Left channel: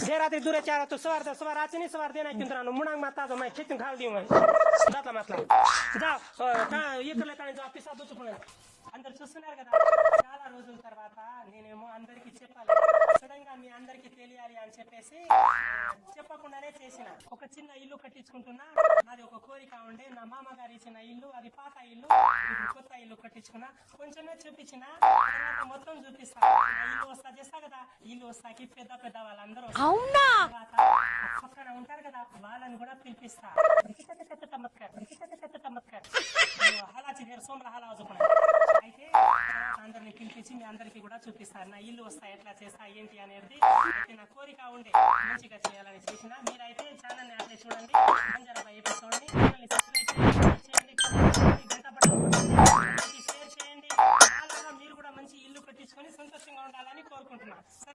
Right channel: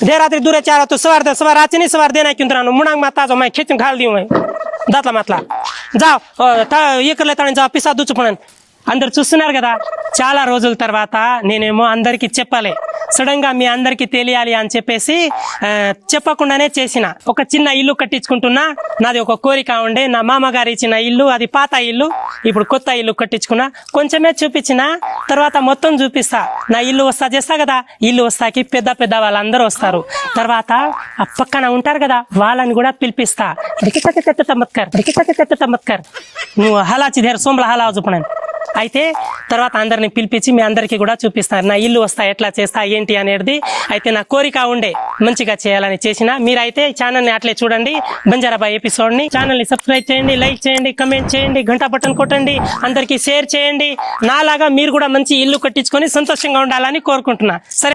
देर रात्रि दूर चार तो सवार रात नहीं सवार देना क्यों तेरा मुनांग माता जो मैं खेत घाल दी मैं दातला मतला जाओ ये कर लेता जाओ पिसा दूचुपन అందరు చూస్తున్నారు కదా చాలా రోజుల తర్వాత నేనేమో అందరికి చెప్పాలి సడన్ గా మీ అందరికి తెలియాలి అని చెప్పేసి చెప్పకుండానే చేసిన ఒక చిన్న ఇల్లు కట్టించుకుంటున్నా నాది ఒక కోరిక ఉండే నా మామగారు ఇచ్చిన ఇల్లు అది పాత ఇల్లు ఇప్పుడు కొత్త ఇల్లు కట్టించుకున్నా కొంచెమే చూపించిన తర్వాత మొత్తం చూపిస్తా నా ఇల్లు వస్తా చేస్తా కదా ఇల్లు వస్తాకి పెద్ద పెద్ద వాళ్ళందరూ వస్తారు తర్వాత ఆ పక్కన ఉంటారు కదా వాళ్ళని కూడా పిలిపిస్తా తమ్మత్కర్ నువ్వు హలాచి ధేర్ సోమల హలా చూపనండి అయితే తర్వాత అందరిని పిలిపించి మీ అందరికీ కూడా చూపిస్తారు నా ఇల్లు వస్తా ఎట్లా చేస్తా ఏంటి అనేది అయితే నా కోరిక ఉండే మంచిగా చేయాలని చేసిన మీరైతే ఛానల్ని అట్లే చూడండి బంజారాబాయ్ ఎపిసోడ్ని ఛానల్ని సబ్స్క్రైబ్ చేయండి లైక్ చేయండి కమెంట్ చేయండి గంట బటన్ కొట్టండి అందరికీ షేర్ చేయండి నాలాగా మీరు కూడా మంచి ఇల్లు కట్టించుకొని సంతోషంగా ఉండాలని కోరుకుంటున్నా సరే